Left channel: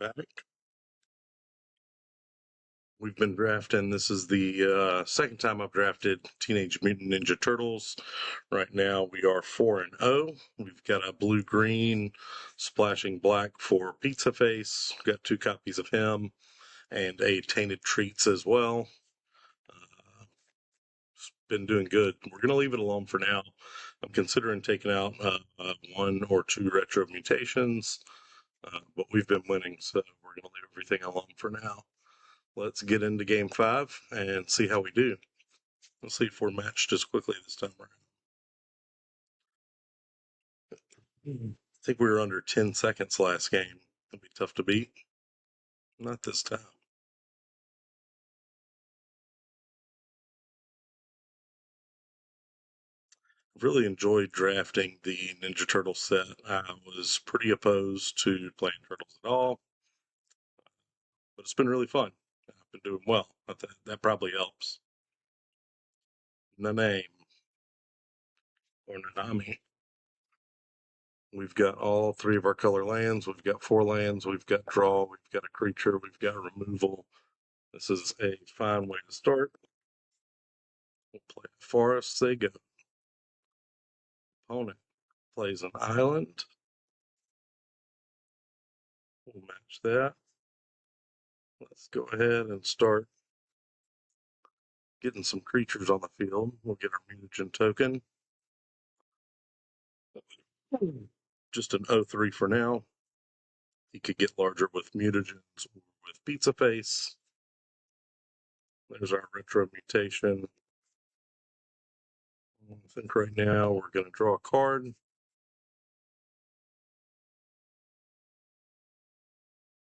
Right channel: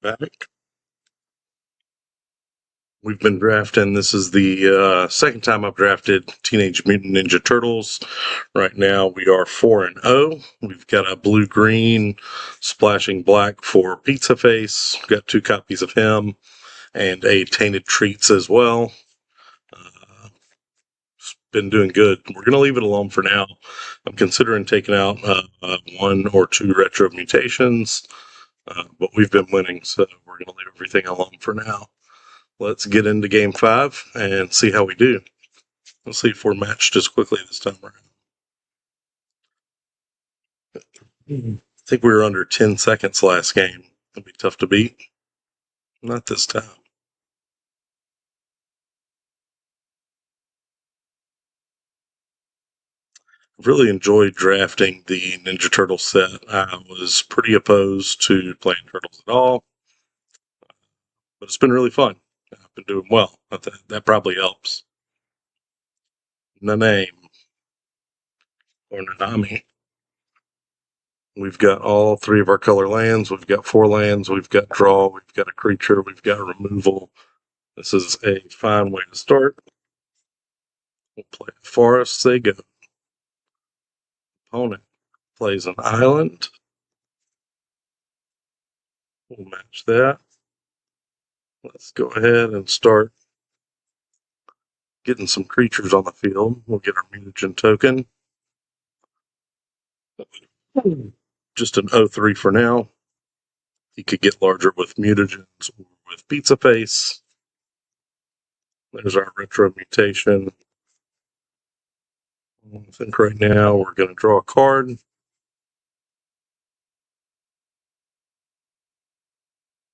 Back. We've been drafting. This is the second time I've drafted Teenage Mutant Ninja Turtles. Right now we are 4-0. We've got a blue-green splashing black for Pizza Face. We've got 2 copies of him and a Tainted Treats as well. It's been doing good. We're going to leave it alone for now. I'm considering taking out 1 or 2 retro mutations, but we've been winning, so we're going to leave everything alone for now. Let's get into game 5 and see how we do. Let's see if we're matched as quickly this time around. I think we were under 10 seconds last game. It'll be tough to beat. Not this time. Really enjoyed drafting the Ninja Turtle set. I was pretty opposed to playing Turtles at all, but it's been really fun. I've been doing well. That probably helps. The name, or Nanami. We've got all 3 of our color lands. We've got 4 lands. We've got draw. We've got a creature. We've got removal. This is a fine way to start. We'll play Forest. They go. Opponent plays an island. We'll match that. Let's go ahead and start getting some creatures on the field. We'll get our mutagen token. Just an 0-3 for now. You could get larger with mutagens or with Pizza Face. There's our retro mutation. I think right now we're going to draw a card.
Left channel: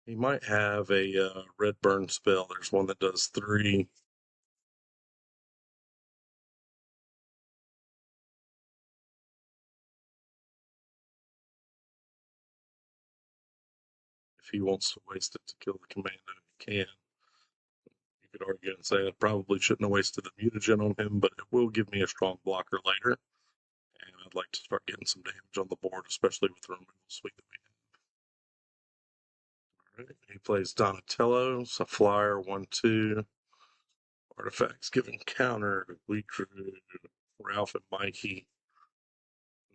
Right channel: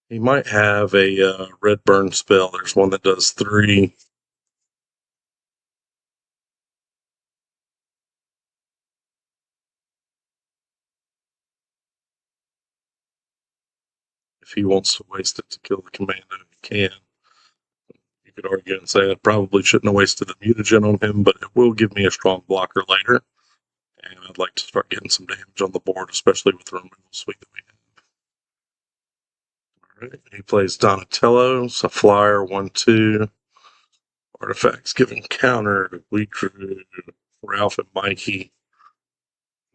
He might have a red burn spell. There's one that does 3. If he wants to waste it to kill the commando, he can. You could argue and say I probably shouldn't have wasted the mutagen on him, but it will give me a strong blocker later. And I'd like to start getting some damage on the board, especially with the removal suite that we have. Right. He plays Donatello, it's a flyer, 1/2. Artifacts giving counter. We drew Ralph and Mikey.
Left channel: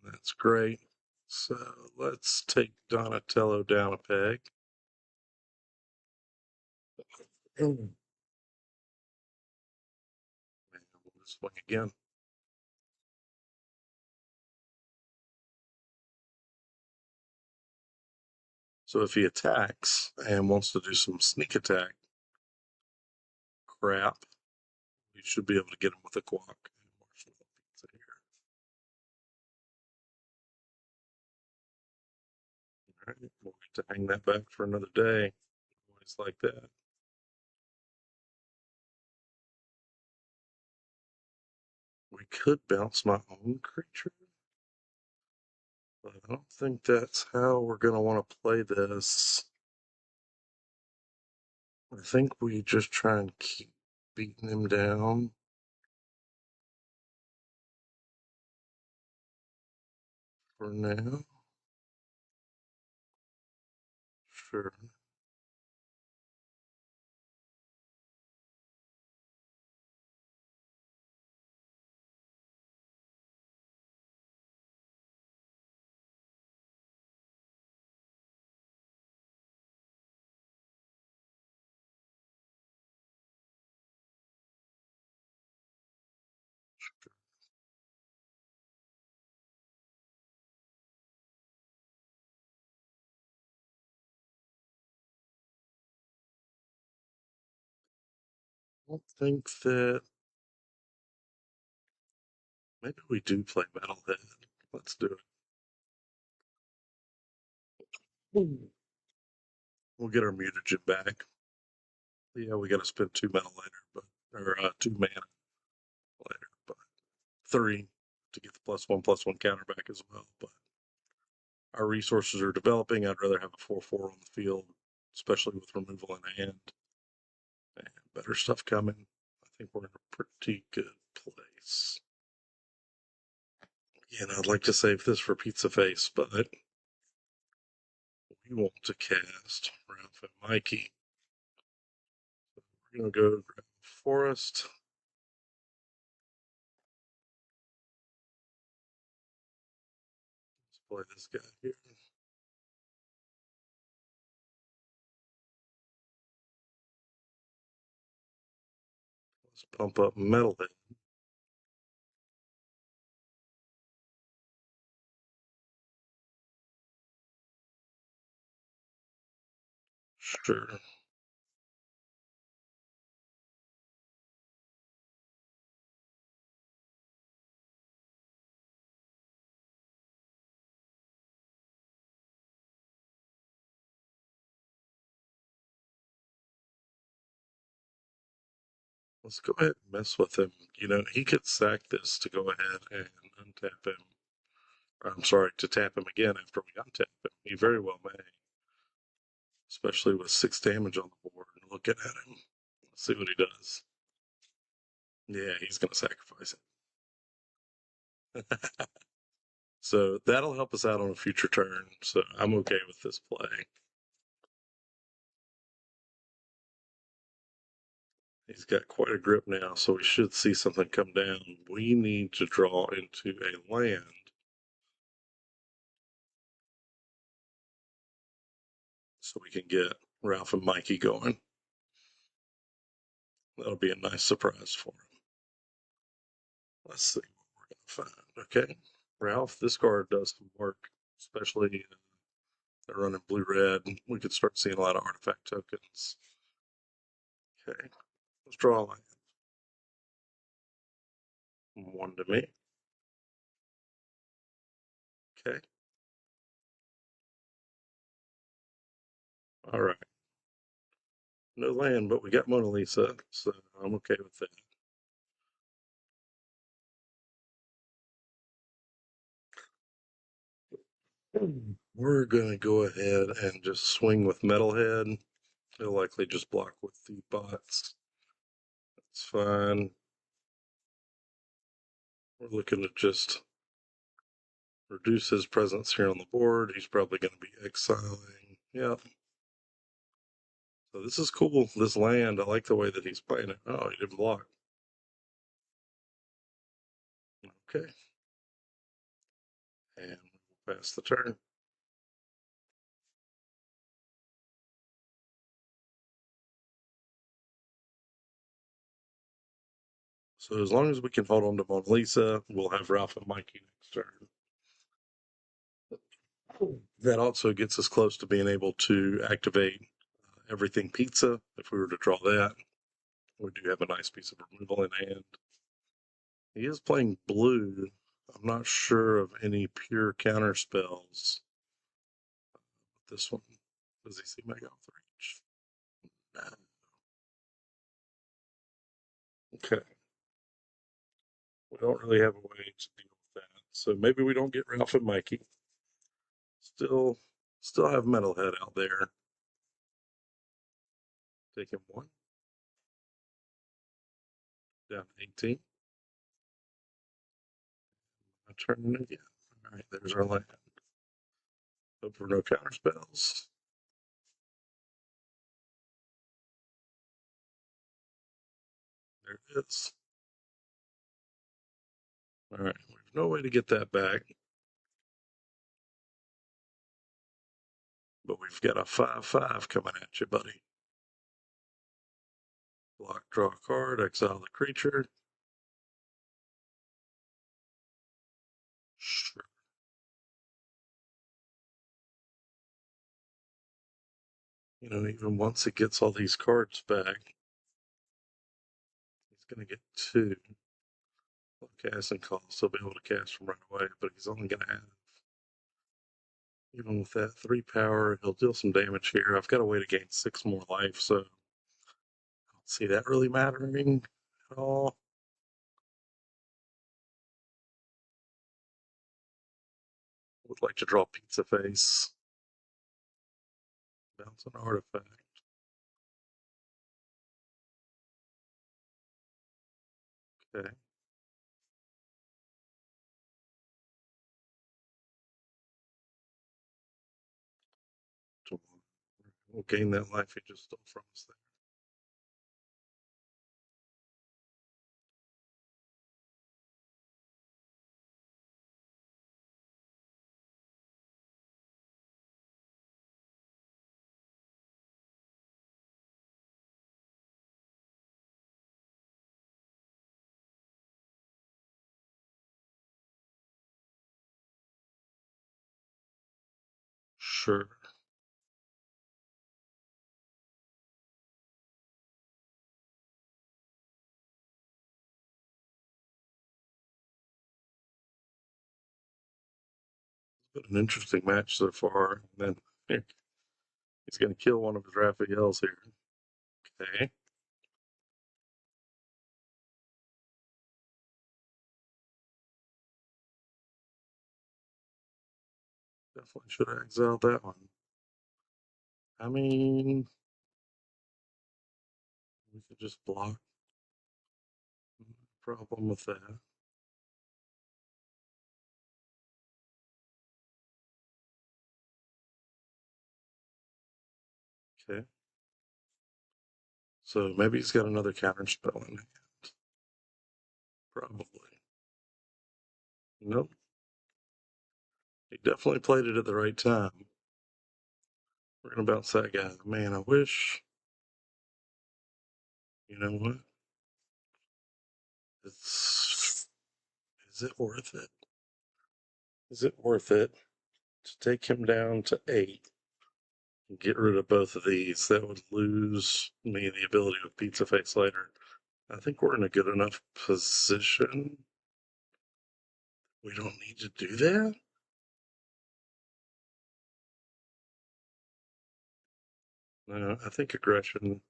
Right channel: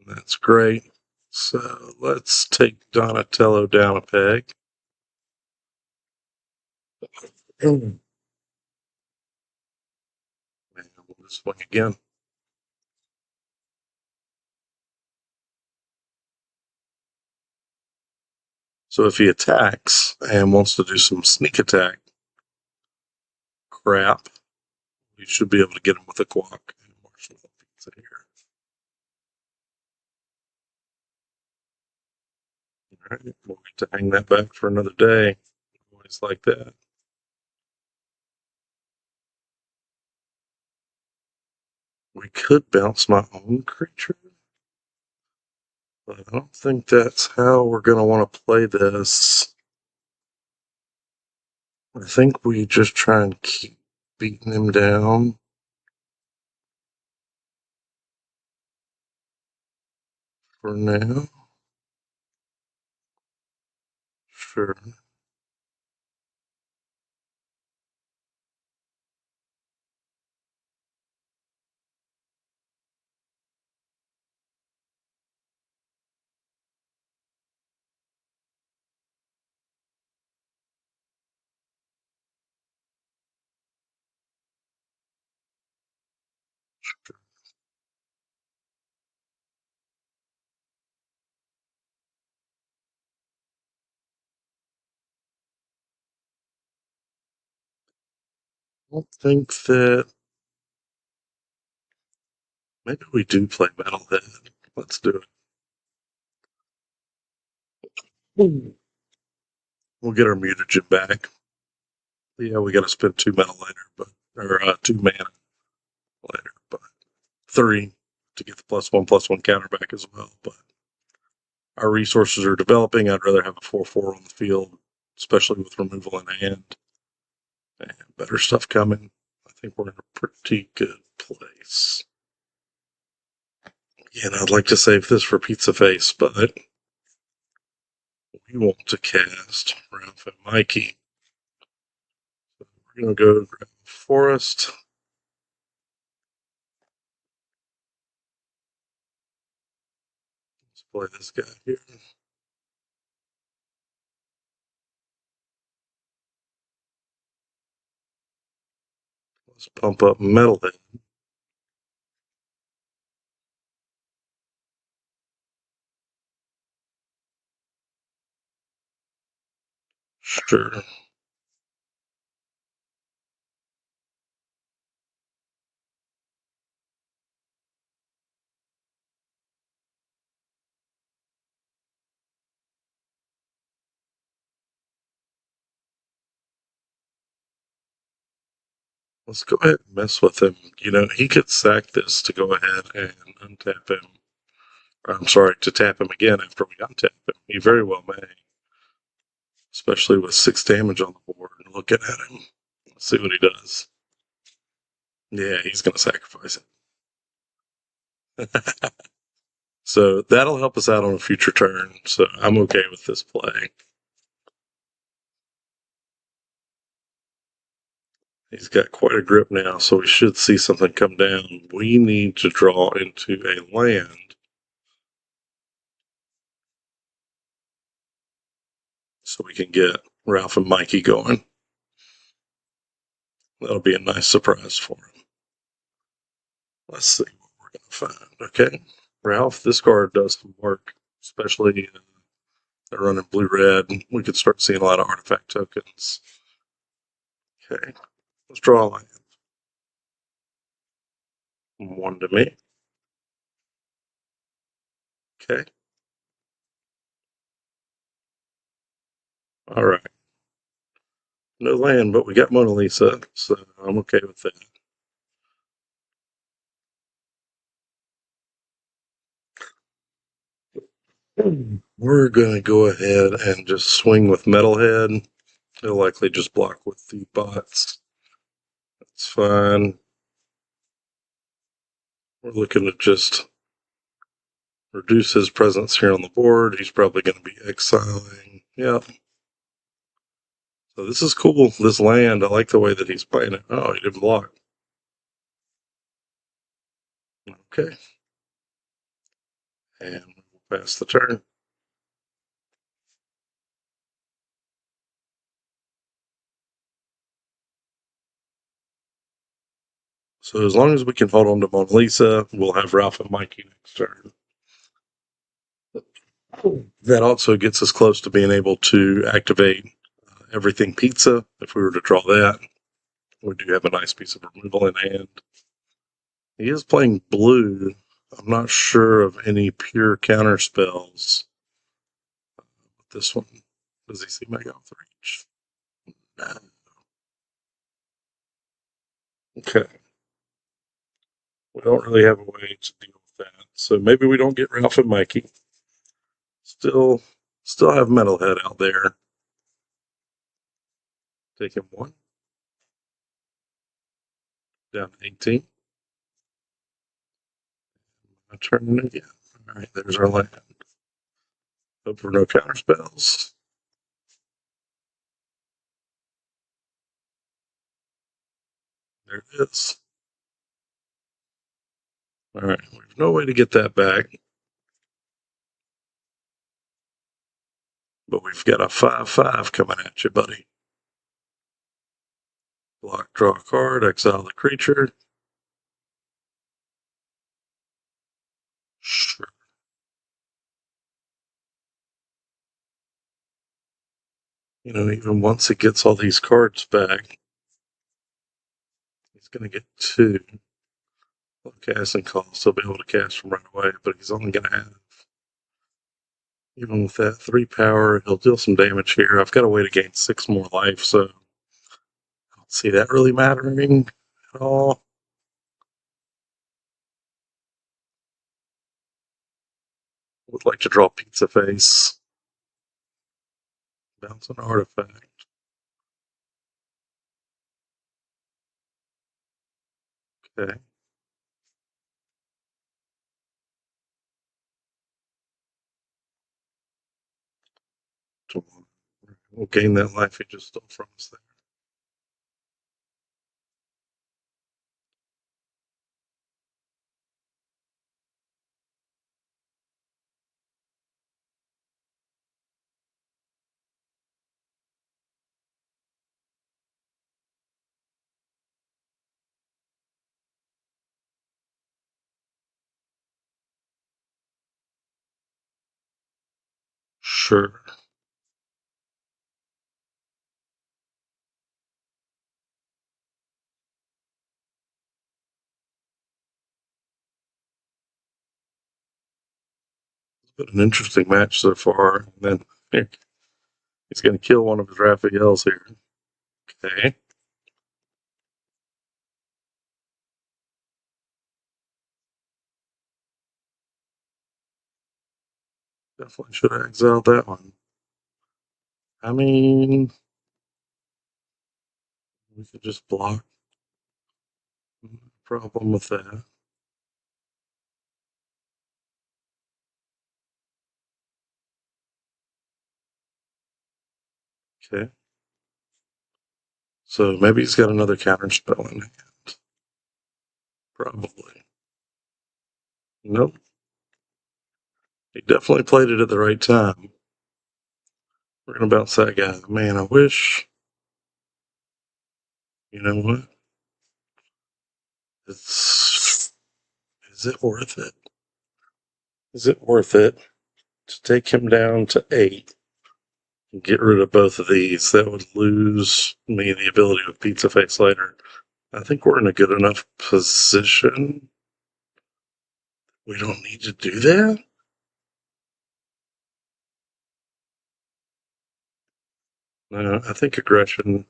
That's great. So let's take Donatello down a peg. And we'll swing again. So if he attacks and wants to do some sneak attack crap, you should be able to get him with a quack. All right, we'll get to hang that back for another day. Always like that. We could bounce my own creature, but I don't think that's how we're going to want to play this. I think we just try and keep beating him down. For now. Sure. I think that maybe we do play Metalhead. Let's do it. We'll get our mutagen back. Yeah, we got to spend 2 mana later, or 2 mana later, but 3 to get the +1/+1 counter back as well. But our resources are developing. I'd rather have a 4/4 on the field, especially with removal in hand and better stuff coming. I think we're in a pretty good place. Yeah, and I'd like to save this for Pizza Face, but we want to cast Ralph and Mikey. So we're going to go grab Forest. Let's play this guy here. Let's pump up Metalhead. Sure. Let's go ahead and mess with him. You know, he could sack this to go ahead and untap him. Or, I'm sorry, to tap him again after we untap him. He very well may. Especially with 6 damage on the board. Looking at him. Let's see what he does. Yeah, he's going to sacrifice it. So that'll help us out on a future turn. So I'm okay with this play. He's got quite a grip now, so we should see something come down. We need to draw into a land. So we can get Ralph and Mikey going. That'll be a nice surprise for him. Let's see what we're going to find. Okay, Ralph, this card does some work, especially running blue-red. We could start seeing a lot of artifact tokens. Okay, let's draw a line. 1 to me. Okay. All right. No land, but we got Mona Lisa, so I'm okay with that. We're going to go ahead and just swing with Metalhead. They'll likely just block with the bots. That's fine. We're looking to just reduce his presence here on the board. He's probably going to be exiling. Yeah. So this is cool. This land, I like the way that he's playing it. Oh, he didn't block. Okay. And we'll pass the turn. So as long as we can hold on to Mona Lisa, we'll have Ralph and Mikey next turn. That also gets us close to being able to activate everything pizza. If we were to draw that, we do have a nice piece of removal in hand. He is playing blue. I'm not sure of any pure counter spells. This one, does he see Mega off the reach? Nah. Okay. We don't really have a way to deal with that. So maybe we don't get Ralph and Mikey. Still have Metalhead out there. Taking 1. Down 18. I turn it again. Alright, there's our land. Hope for no counter spells. There it is. Alright, there's no way to get that back. But we've got a 5/5 coming at you, buddy. Block, draw a card, exile the creature. Sure. You know, even once it gets all these cards back, he's going to get 2. Well, casting costs, he'll be able to cast them right away, but he's only going to have, even with that 3 power, he'll deal some damage here. I've got a way to gain 6 more life, so I don't see that really mattering at all. Would like to draw Pizza Face. Bounce an artifact. Okay. We'll gain that life he just stole from us there. Sure. It's been an interesting match so far. And then he's going to kill one of the drafted yells here. Okay. Definitely should have exiled that one. I mean, we could just block. Problem with that. Okay. So maybe he's got another counter spell in hand. Probably. Nope. He definitely played it at the right time. We're gonna bounce that guy. Man, I wish. You know what? It's. Is it worth it? Is it worth it to take him down to 8 and get rid of both of these? That would lose me the ability to pizza face later. I think we're in a good enough position. We don't need to do that. I think aggression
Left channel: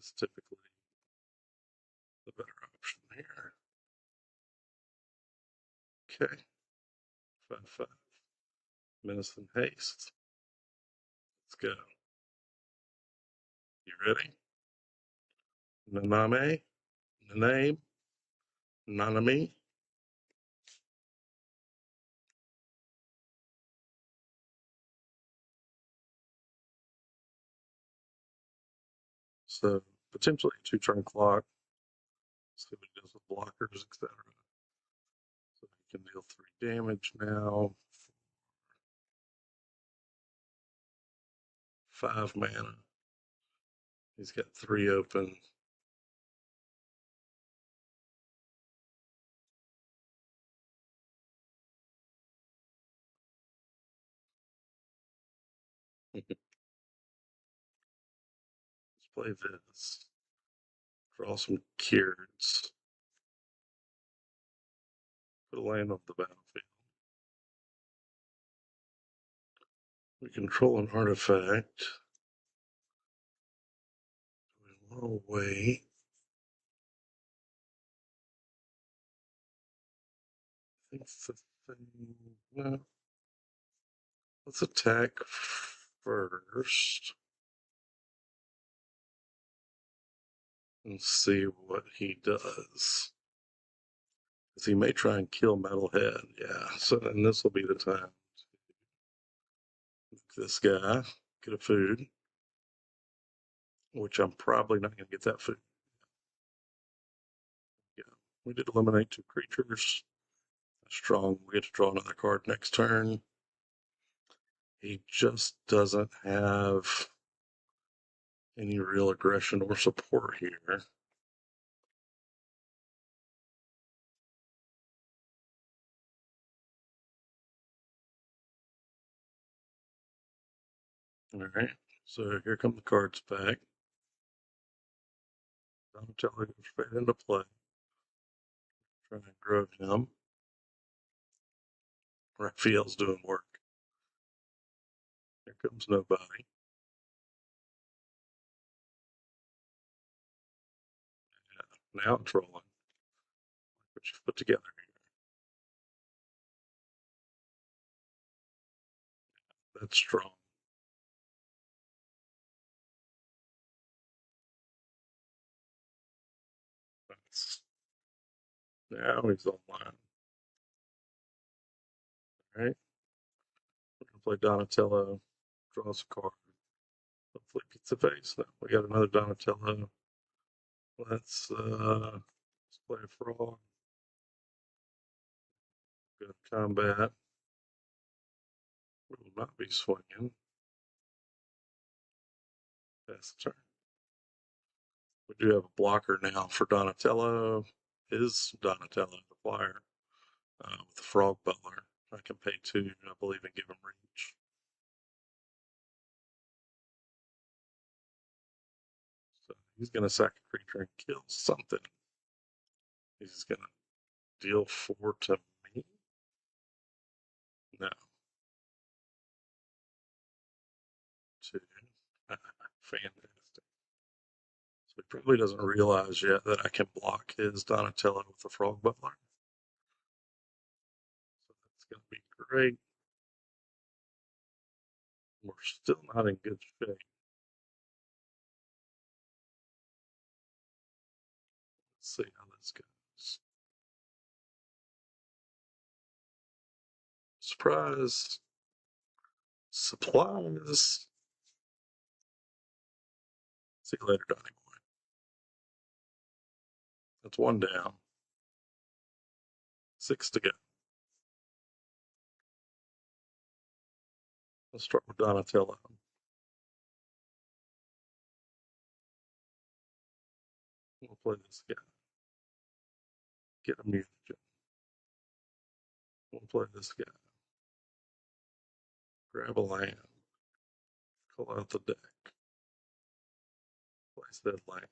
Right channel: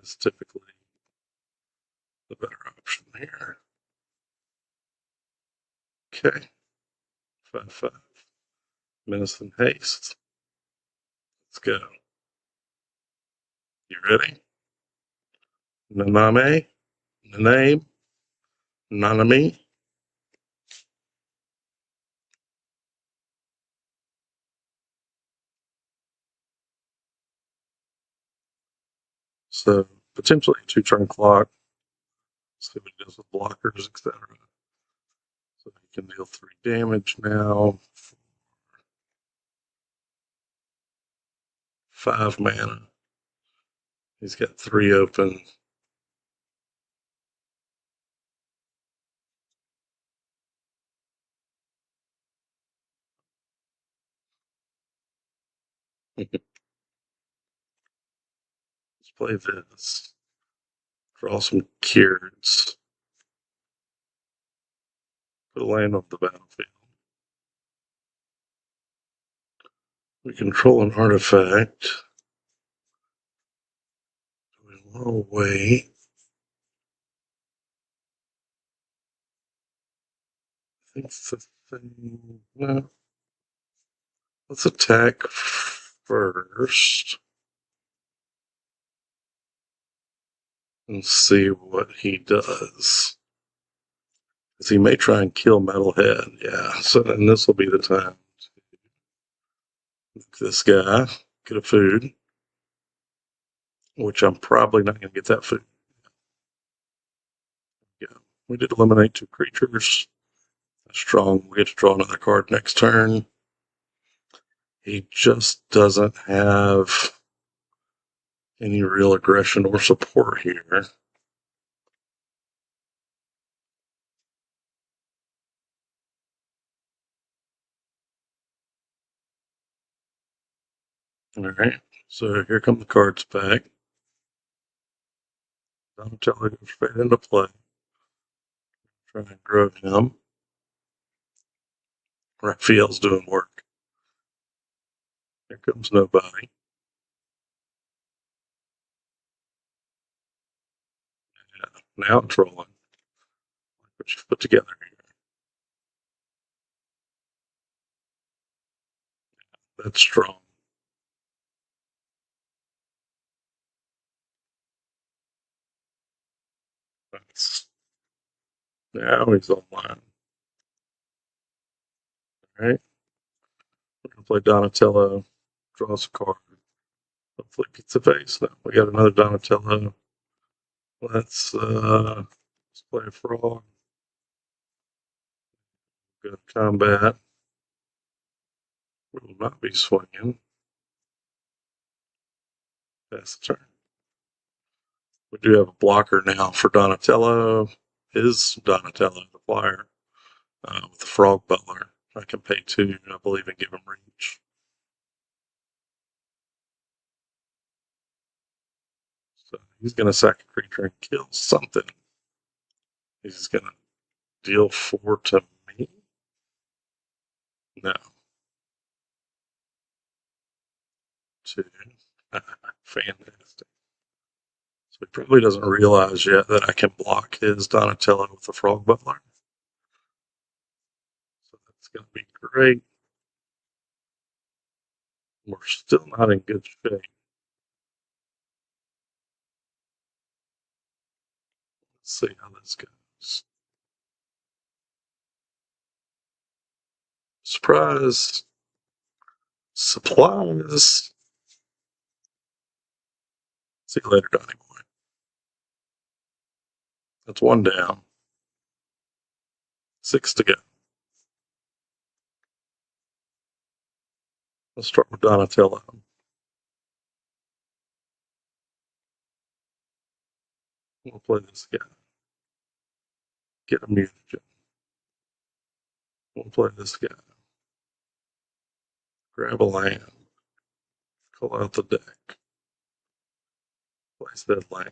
is typically the better option here. Okay. 5/5. Menace and haste. Let's go. You ready? Naname, Naname, Nanami. So potentially 2-turn clock. See what it does with blockers, etc. So you can deal 3 damage now. 5 mana. He's got 3 open. Let's play this. Draw some Kyrds. Put a land off the battlefield. We control an artifact. We will wait. I think the thing. No. Let's attack first. And see what he does. Because he may try and kill Metalhead. Yeah, so then this will be the time. This guy, get a food. Which I'm probably not going to get that food. Yeah, we did eliminate 2 creatures. Strong. We get to draw another card next turn. He just doesn't have any real aggression or support here. Alright, so here come the cards back. Donatello goes straight into play. Trying to grow him. Raphael's doing work. Here comes nobody. Yeah, now it's rolling. What you put together here. That's strong. That's, now he's online. Alright. We're going to play Donatello. Draws a card. Hopefully Pizza Face. No, we got another Donatello. Let's play a frog. Good combat. We will not be swinging. That's the turn. We do have a blocker now for Donatello. Is Donatello the flyer with the Frog Butler? I can pay 2, I believe, and give him reach. So he's going to sack a creature and kill something. He's going to deal 4 to me? No. 2. Fantastic. So he probably doesn't realize yet that I can block his Donatello with the Frog Butler. So that's going to be great. We're still not in good shape. Let's see how this goes. Surprise! Supplies! See you later, Donnie Boy. That's 1 down. 6 to go. Let's start with Donatello. We'll play this guy. Get a mutagen. We'll play this guy. Grab a land. Pull out the deck. Place that land.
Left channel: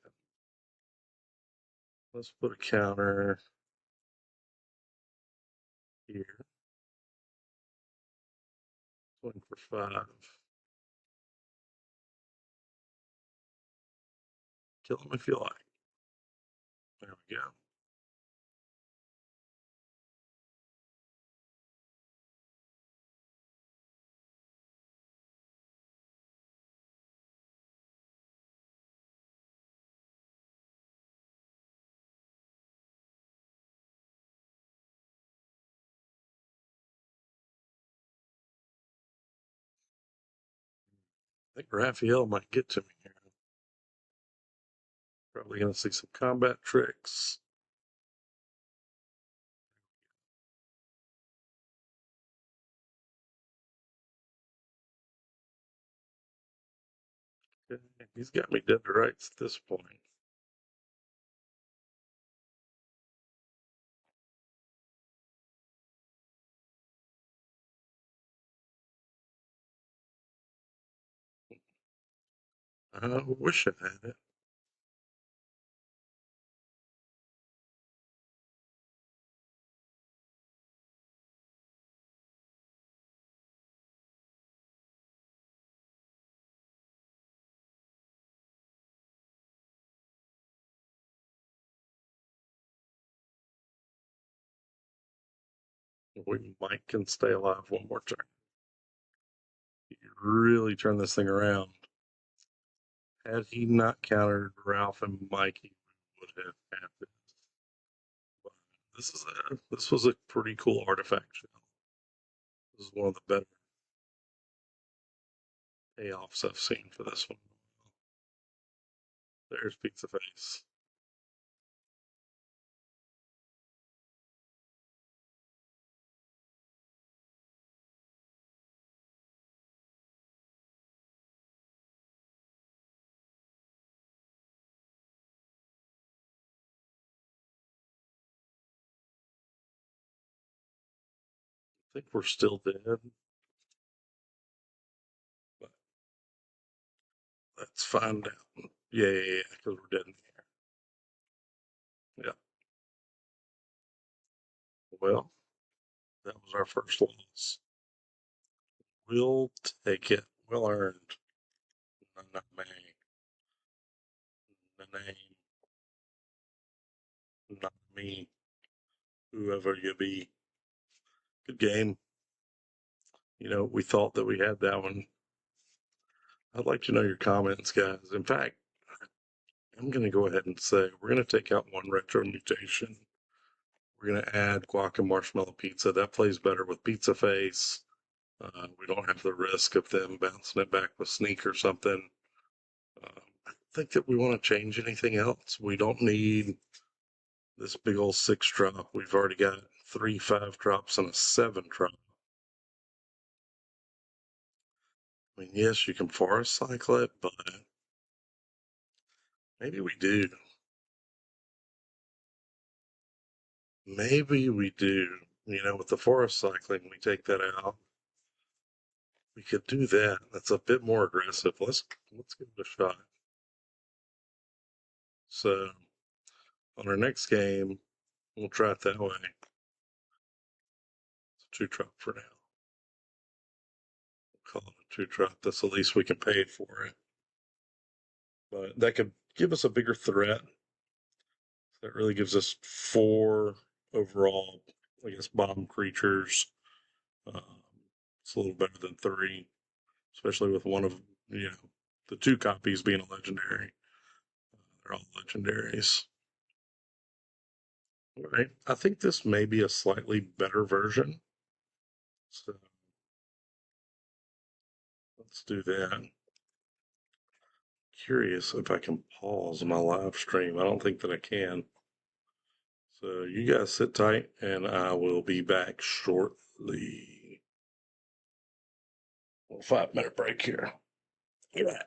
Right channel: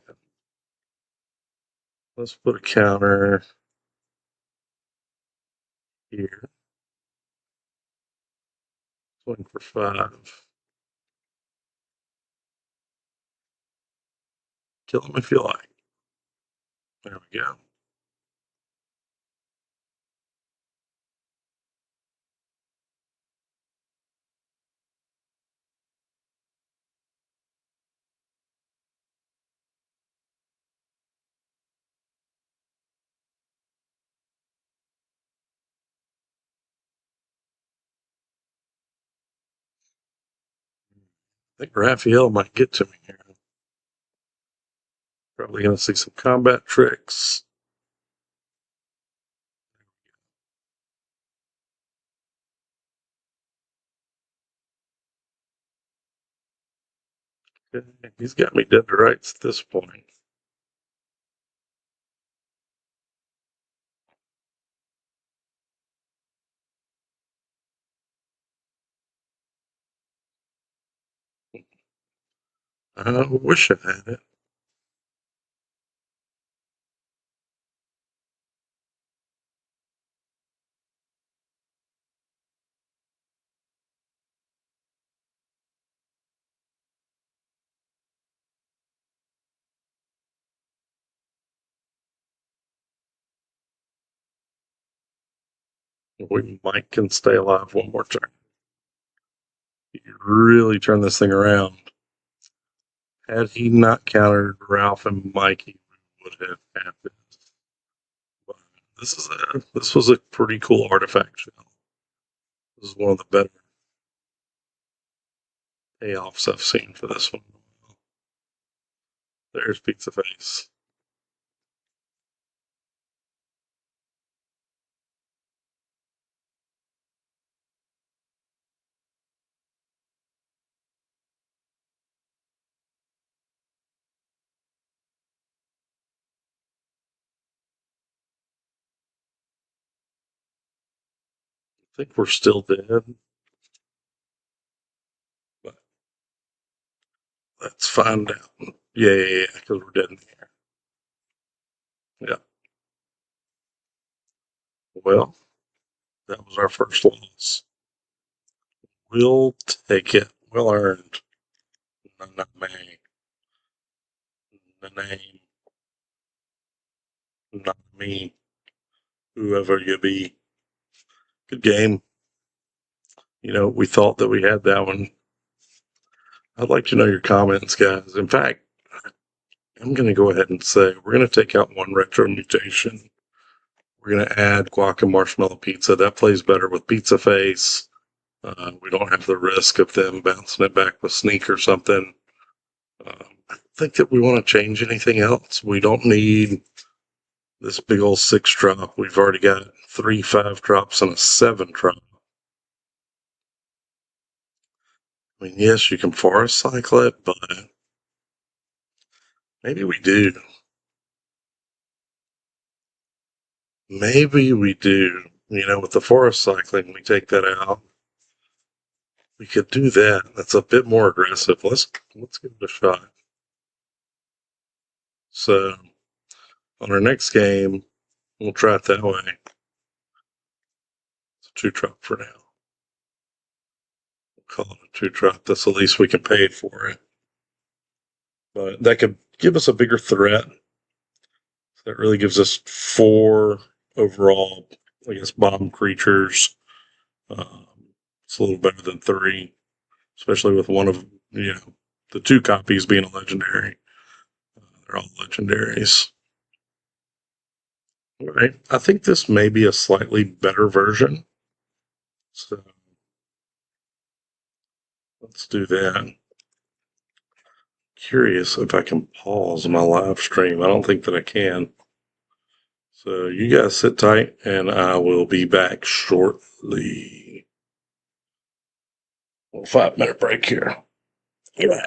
Let's put a counter here. Swing for 5. Kill him if you like. There we go. I think Raphael might get to me here. Probably going to see some combat tricks. Okay. He's got me dead to rights at this point. I wish I had it. We might can stay alive one more turn. You really turn this thing around. Had he not countered Ralph and Mikey, we would have had this. But this was a pretty cool artifact show. This is one of the better payoffs I've seen for this one. There's Pizza Face. I think we're still dead. But let's find out. Yeah, because we're dead in the air. Yeah. Well, that was our first loss. We'll take it. Well earned. Not me. The name. Not me. Whoever you be. Good game. We thought that we had that one. I'd like to know your comments, guys. In fact, I'm going to go ahead and say we're going to take out 1 retro mutation. We're going to add guac and marshmallow pizza. That plays better with Pizza Face. We don't have the risk of them bouncing it back with Sneak or something. I think that we want to change anything else. We don't need this big old 6-drop. We've already got 3 5-drops and a 7-drop. I mean, yes, you can forest cycle it, but maybe we do. Maybe we do. You know, with the forest cycling, we take that out. We could do that. That's a bit more aggressive. Let's give it a shot. So on our next game, we'll try it that way. It's a 2-drop for now. We'll call it a 2-drop. That's the least we can pay for it. But that could give us a bigger threat. That really gives us 4 overall, I guess, bomb creatures. It's a little better than 3, especially with one of the 2 copies being a legendary. They're all legendaries. All right. I think this may be a slightly better version. So let's do that. Curious if I can pause my live stream. I don't think that I can. So you guys sit tight and I will be back shortly. A 5-minute break here. Yeah.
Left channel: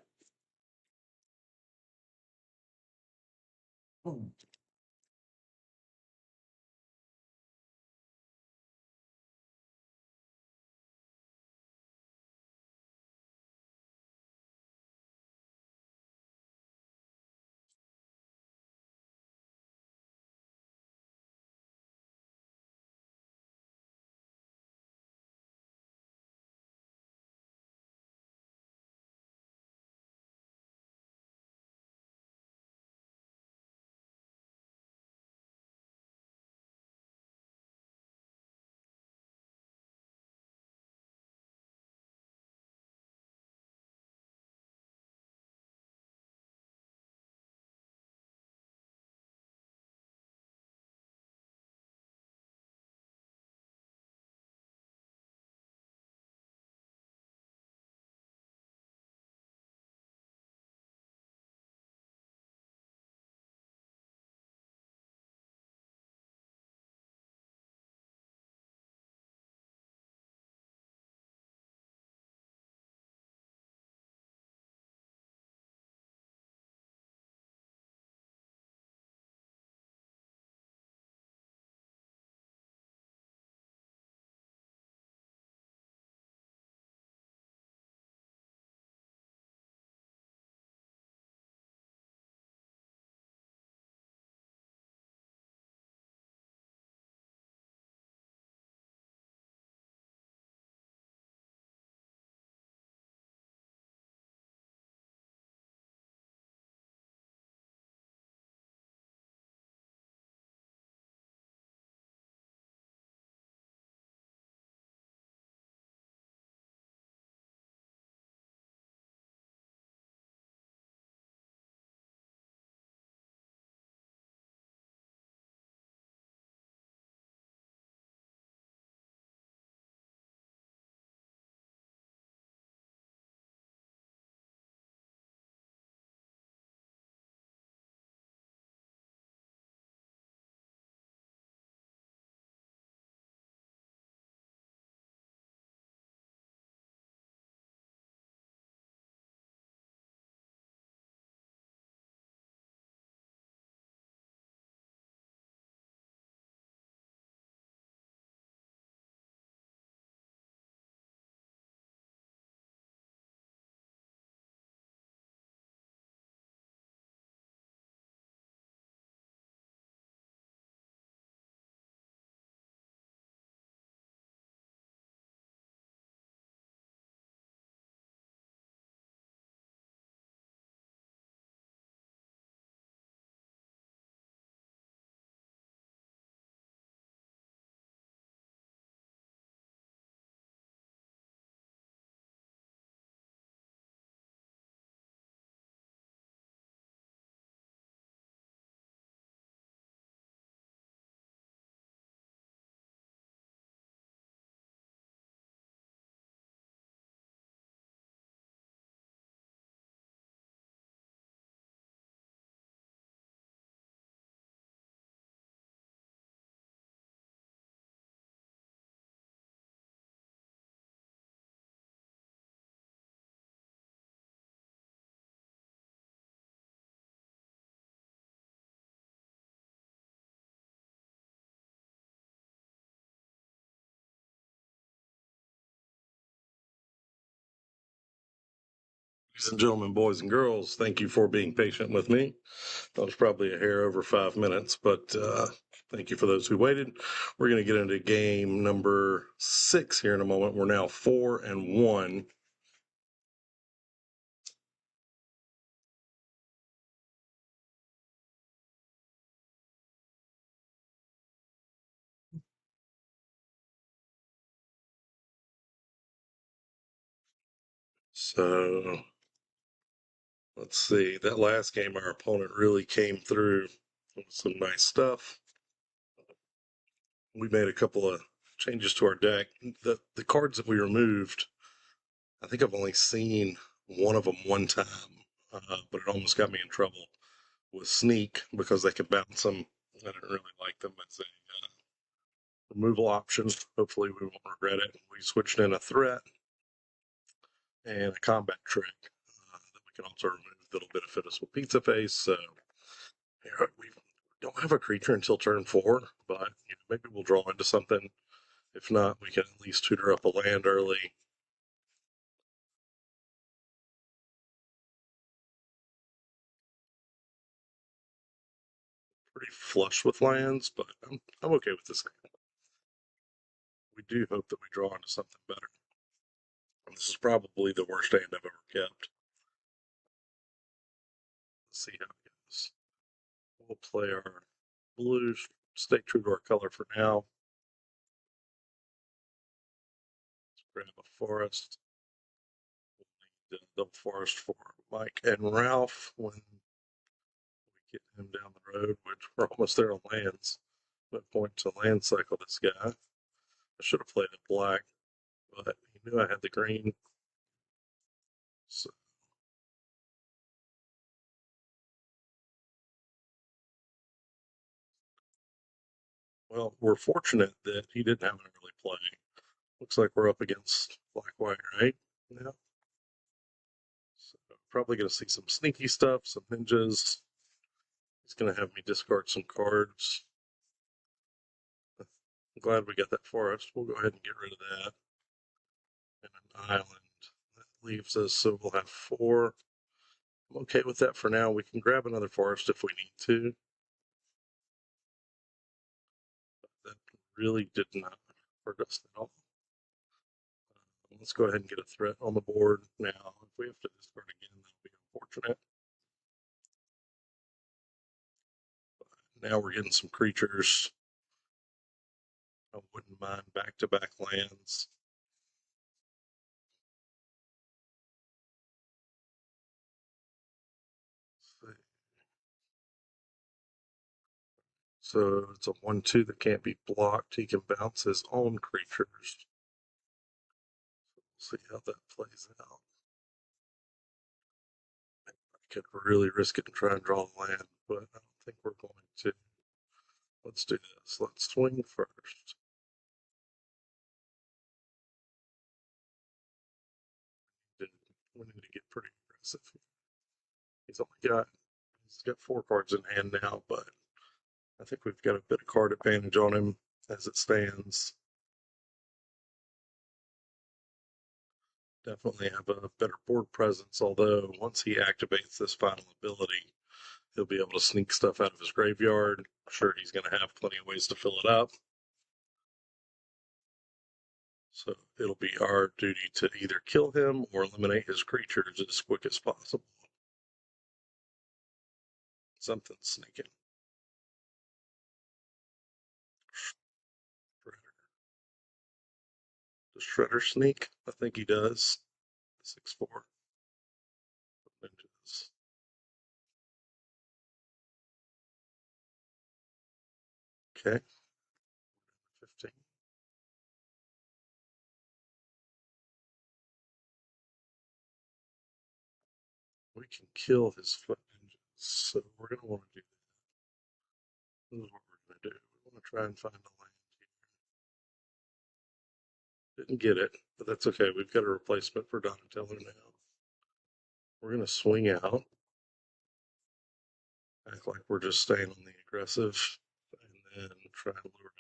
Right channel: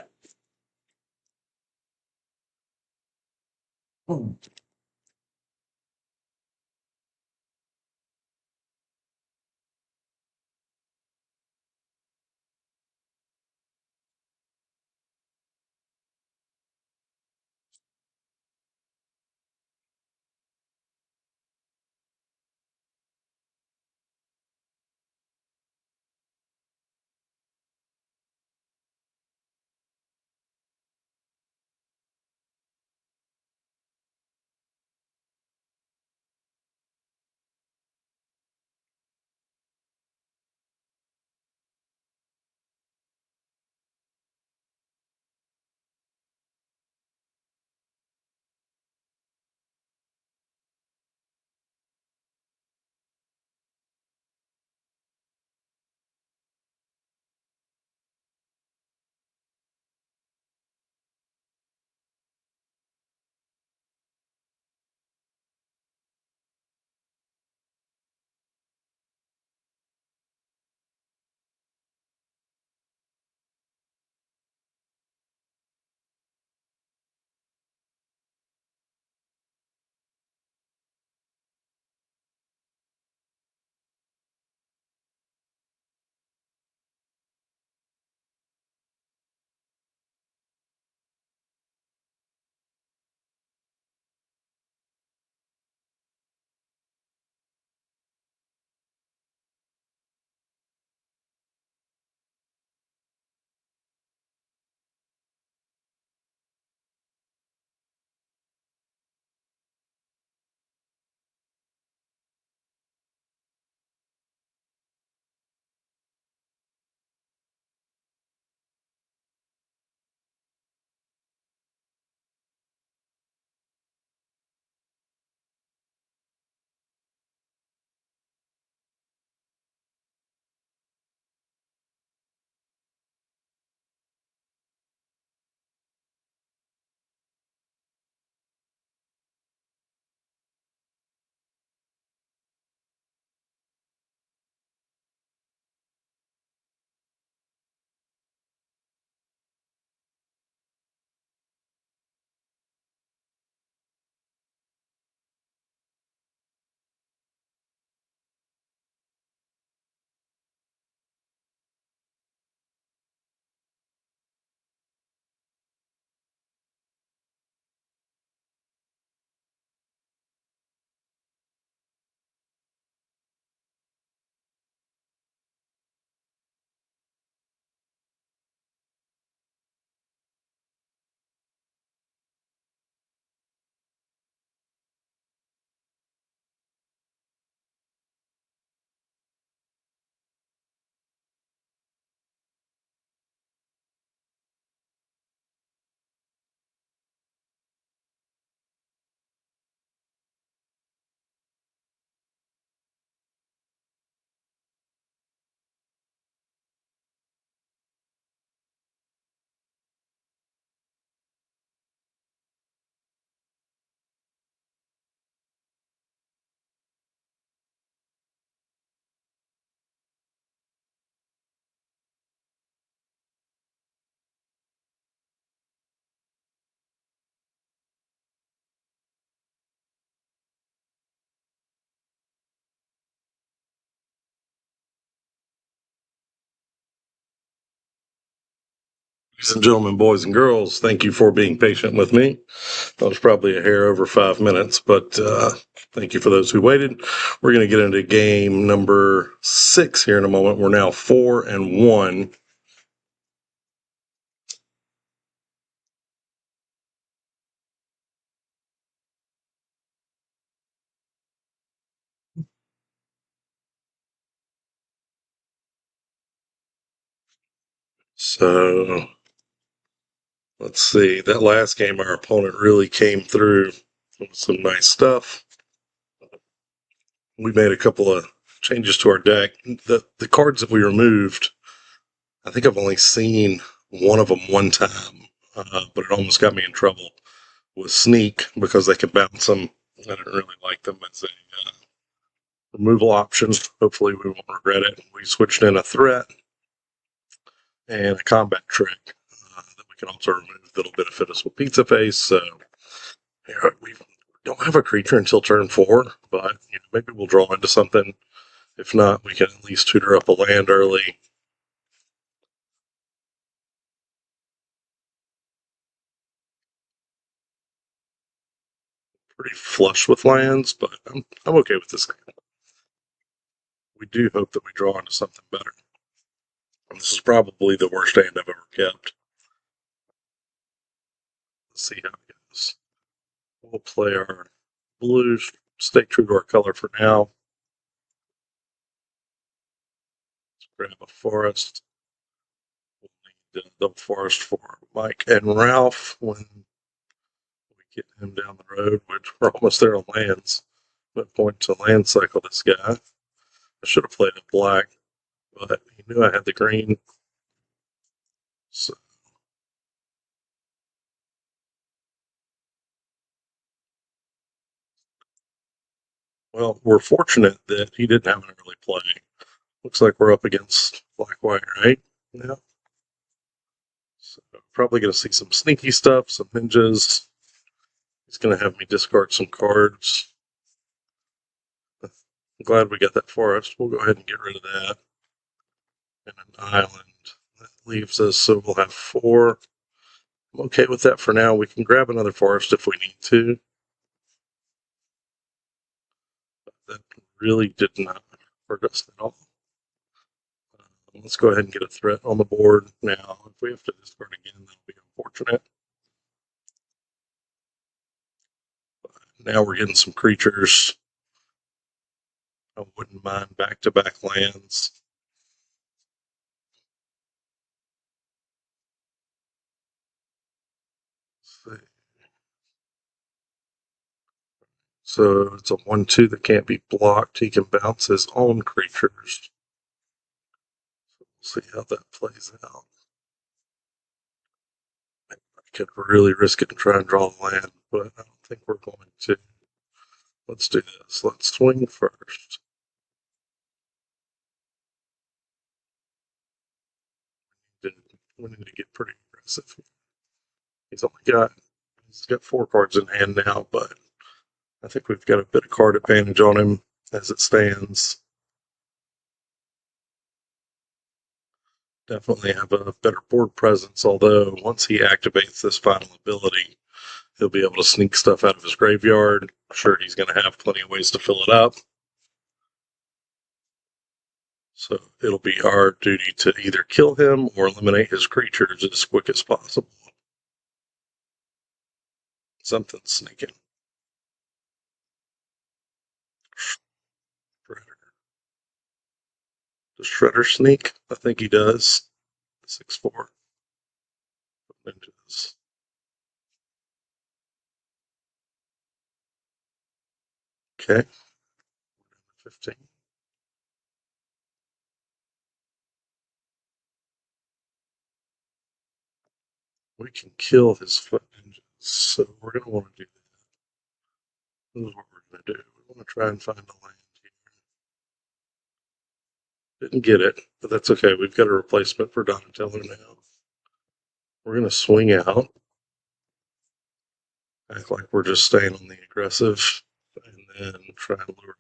Ladies and gentlemen, boys and girls, thank you for being patient with me. That was probably a hair over 5 minutes, but thank you for those who waited. We're going to get into game number 6 here in a moment. We're now 4-1. So let's see. That last game, our opponent really came through with some nice stuff. We made a couple of changes to our deck. The cards that we removed, I think I've only seen one of them one time, but it almost got me in trouble with Sneak because they could bounce them. I didn't really like them as a removal option. Hopefully we won't regret it. We switched in a threat and a combat trick that we can also remove that'll benefit us with Pizza Face. So we don't have a creature until turn 4, but maybe we'll draw into something. If not, we can at least tutor up a land early. Pretty flush with lands, but I'm okay with this. We do hope that we draw into something better. And this is probably the worst hand I've ever kept. Let's see how it goes. We'll play our blue, stay true to our color for now. Let's grab a forest. We'll need the forest for Mike and Ralph when we get him down the road, which we're almost there on lands. What point to land cycle this guy? I should have played a black, but he knew I had the green. So well, we're fortunate that he didn't have an early play. Looks like we're up against black-white, right? Yeah. So probably going to see some sneaky stuff, some ninjas. He's going to have me discard some cards. I'm glad we got that forest. We'll go ahead and get rid of that. And an island. That leaves us, so we'll have 4. I'm okay with that for now. We can grab another forest if we need to. That really did not hurt us at all. Let's go ahead and get a threat on the board now. If we have to discard again, that'll be unfortunate. Now we're getting some creatures. I wouldn't mind back-to-back lands. So it's a 1/2 that can't be blocked. He can bounce his own creatures. We'll see how that plays out. I could really risk it and try and draw a land, but I don't think we're going to. Let's do this. Let's swing first. We need to get pretty aggressive. He's got 4 cards in hand now, but I think we've got a bit of card advantage on him as it stands. Definitely have a better board presence, although once he activates this final ability, he'll be able to sneak stuff out of his graveyard. I'm sure he's going to have plenty of ways to fill it up. So it'll be our duty to either kill him or eliminate his creatures as quick as possible. Something's sneaking. Does Shredder sneak? I think he does. 6/4. Ninjas. Okay. 15. We can kill his foot ninjas, so we're going to want to do that. This is what we're going to do. We want to try and find a land here. Didn't get it, but that's okay. We've got a replacement for Donatello now. We're going to swing out. Act like we're just staying on the aggressive, and then try and lure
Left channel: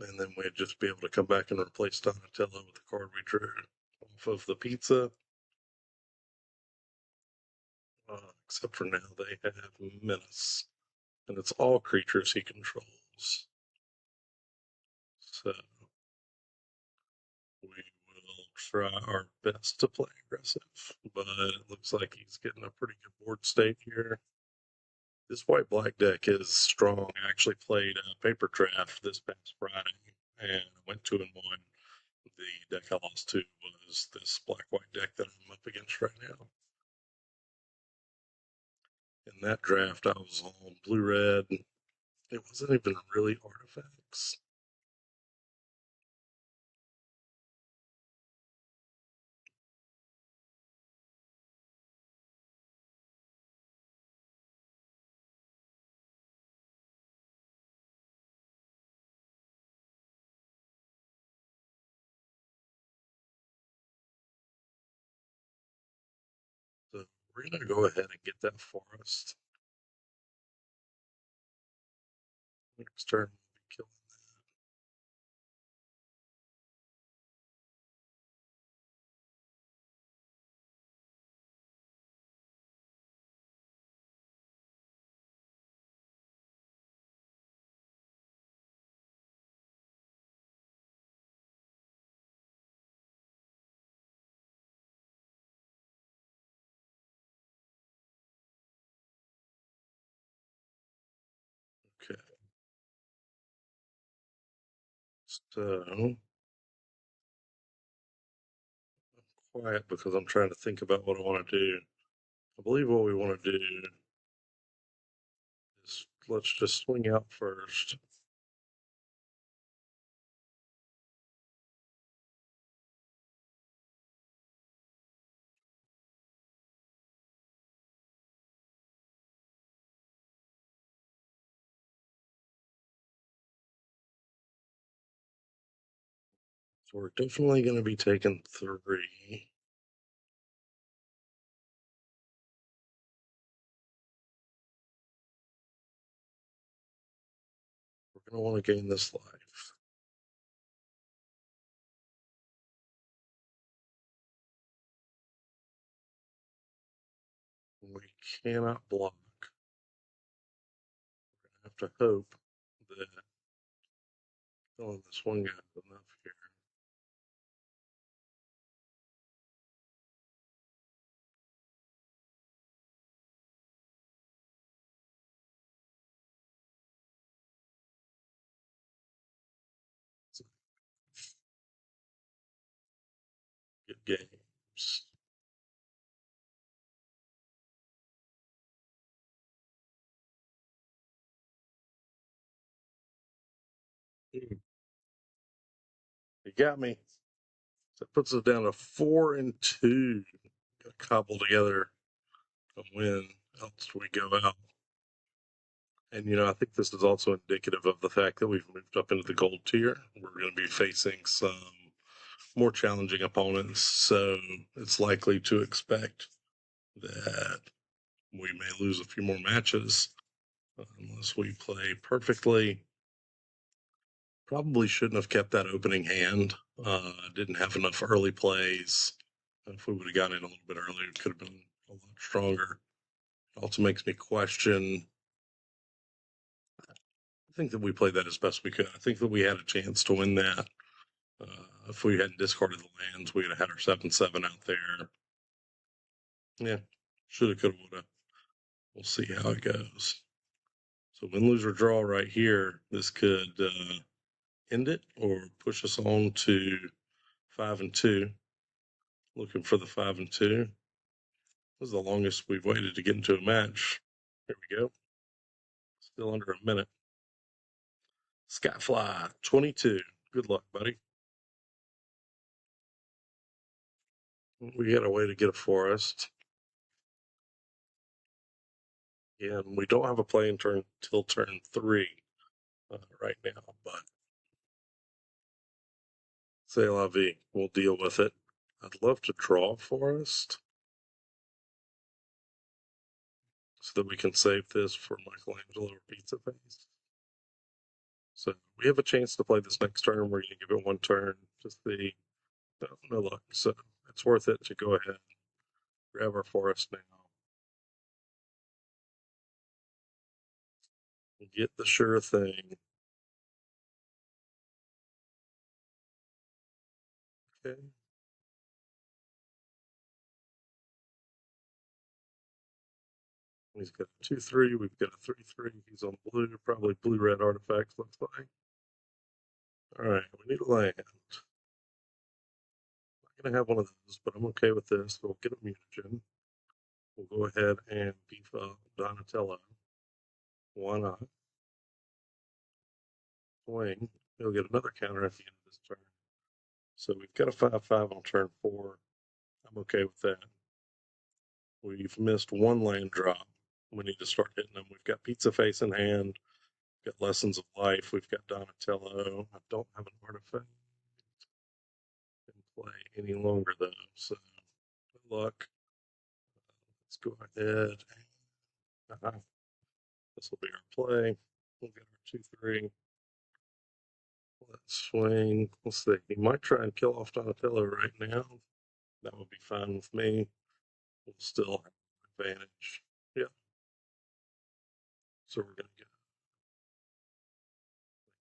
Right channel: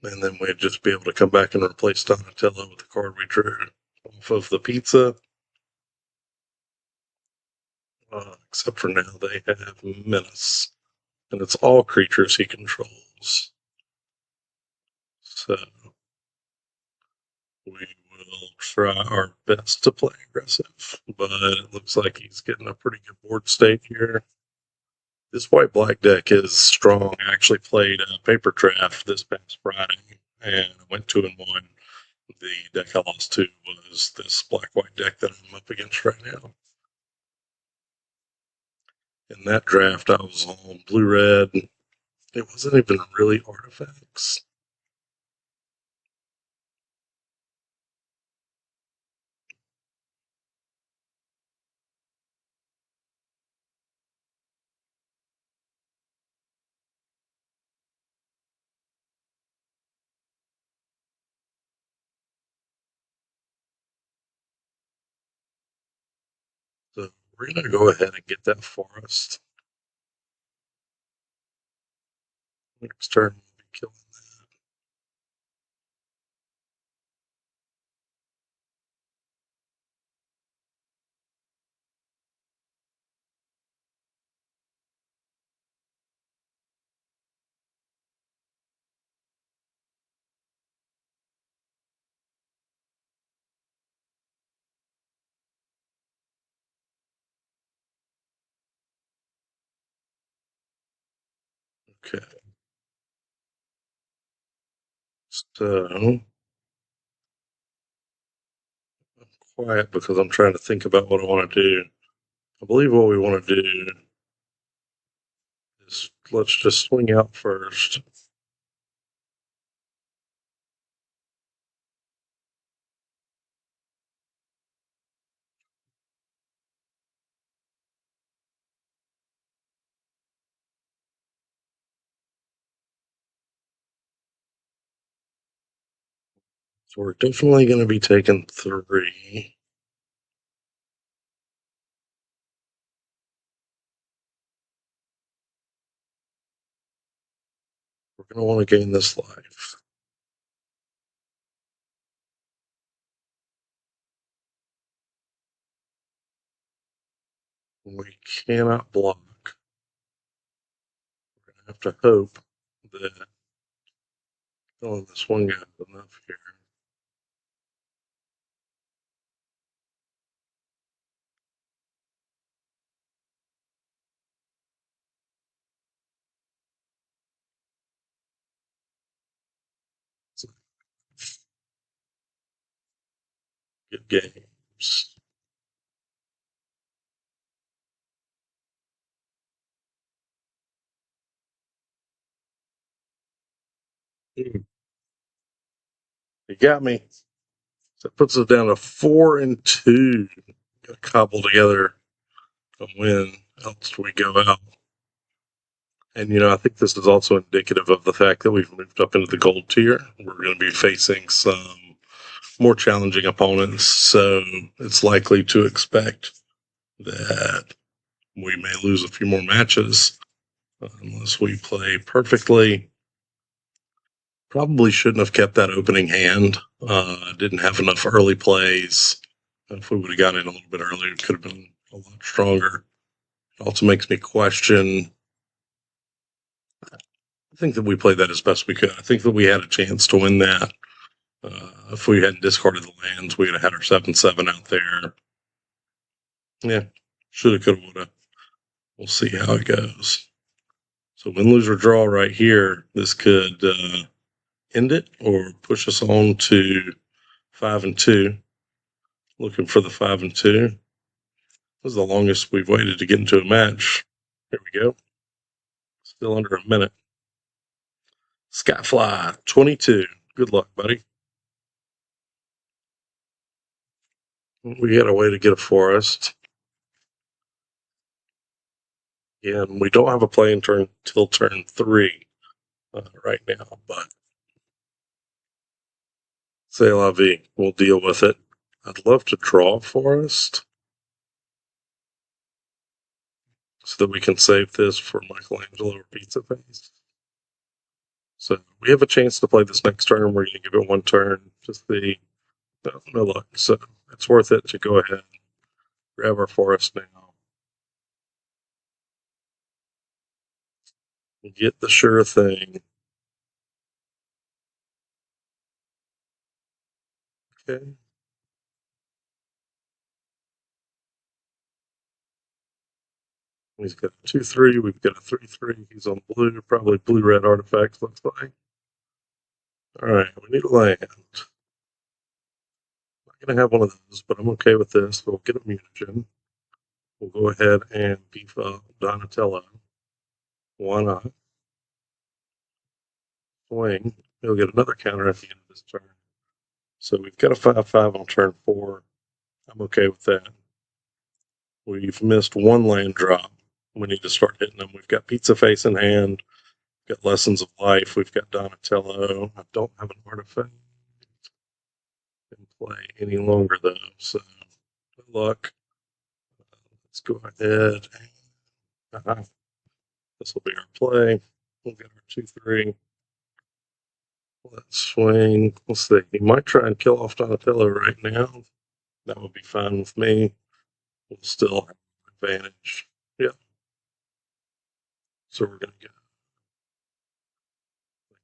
him. And then we'd just be able to come back and replace Donatello with the card we drew off of the pizza. Except for now, they have Menace. And it's all creatures he controls. So we will try our best to play aggressive. But it looks like he's getting a pretty good board state here. This white-black deck is strong. I actually played Paper Draft this past Friday and went 2-1. The deck I lost to was this black-white deck that I'm up against right now. In that draft, I was on blue-red. It wasn't even really artifacts. So we're going to go ahead and get that forest. Next turn, we'll be killing that. Okay. So, I'm quiet because I'm trying to think about what I want to do. I believe what we want to do is let's just swing out first. So we're definitely going to be taking 3. We're going to want to gain this life. We cannot block. We're going to have to hope that this one got enough here. Good games. You got me. That puts us down to 4-2. Got to cobble together a win. Else we go out. And I think this is also indicative of the fact that we've moved up into the gold tier. We're going to be facing some more challenging opponents, so it's likely to expect that we may lose a few more matches unless we play perfectly. Probably shouldn't have kept that opening hand. Didn't have enough early plays. If we would have got in a little bit earlier, it could have been a lot stronger. It also makes me question. I think that we played that as best we could. I think that we had a chance to win that. If we hadn't discarded the lands, we would have had our 7/7 out there. Yeah, shoulda, coulda, woulda. We'll see how it goes. So win, lose, or draw right here. This could end it or push us on to 5-2. Looking for the 5-2. This is the longest we've waited to get into a match. Here we go. Still under a minute. Skyfly 22. Good luck, buddy. We got a way to get a forest. And we don't have a playing turn till turn 3 right now, but c'est la vie. We'll deal with it. I'd love to draw a forest so that we can save this for Michelangelo or Pizza Face. So we have a chance to play this next turn. We're going to give it one turn to see. No luck. So it's worth it to go ahead and grab our forest now. And get the sure thing. Okay. He's got a 2/3. We've got a 3/3. He's on blue. Probably blue-red artifact, looks like. Alright, we need land. Not going to have one of those, but I'm okay with this. We'll get a mutagen. We'll go ahead and beef up Donatello. Why not? Swing. He'll get another counter at the end of this turn. So we've got a 5/5 on turn 4. I'm okay with that. We've missed one land drop. We need to start hitting them. We've got Pizza Face in hand. We've got Lessons of Life. We've got Donatello. I don't have an artifact in play any longer, though. So good luck. Let's go ahead. This will be our play. We'll get our 2/3. Let's swing. Let's see. He might try and kill off Donatello right now. That would be fine with me. We'll still have advantage. Yeah. So we're going to get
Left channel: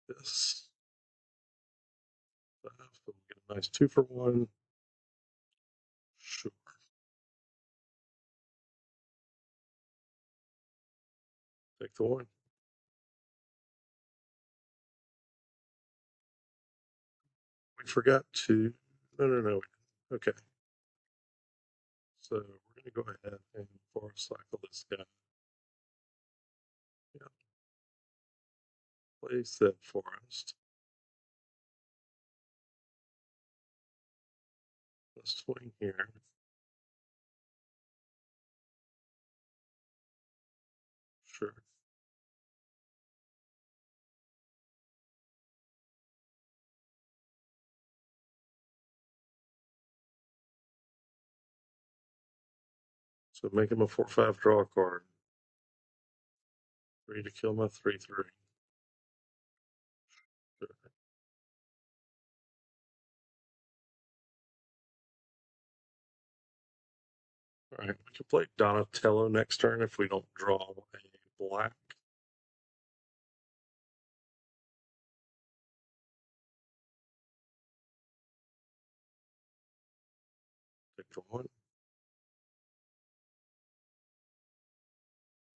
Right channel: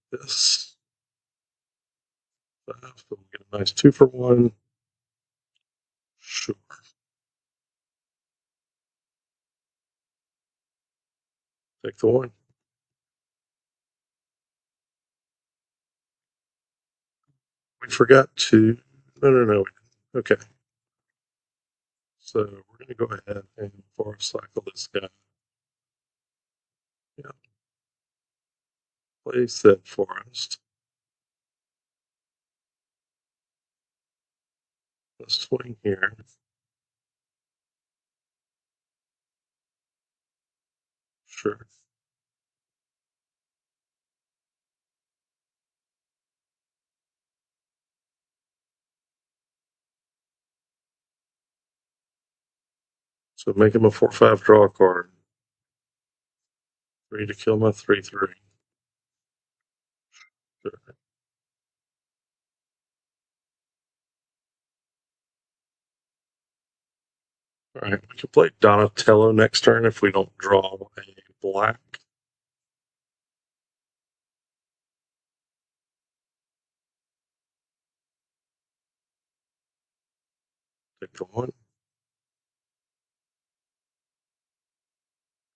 this. So we'll get a nice 2-for-1. Sure. Take the one. We forgot to. No. Okay. So we're going to go ahead and force cycle this guy. Yeah. Place that forest. Let's swing here. Sure. So make him a 4/5 draw a card. 3 to kill my 3/3. Sure. Alright, we can play Donatello next turn if we don't draw a black. Take the one.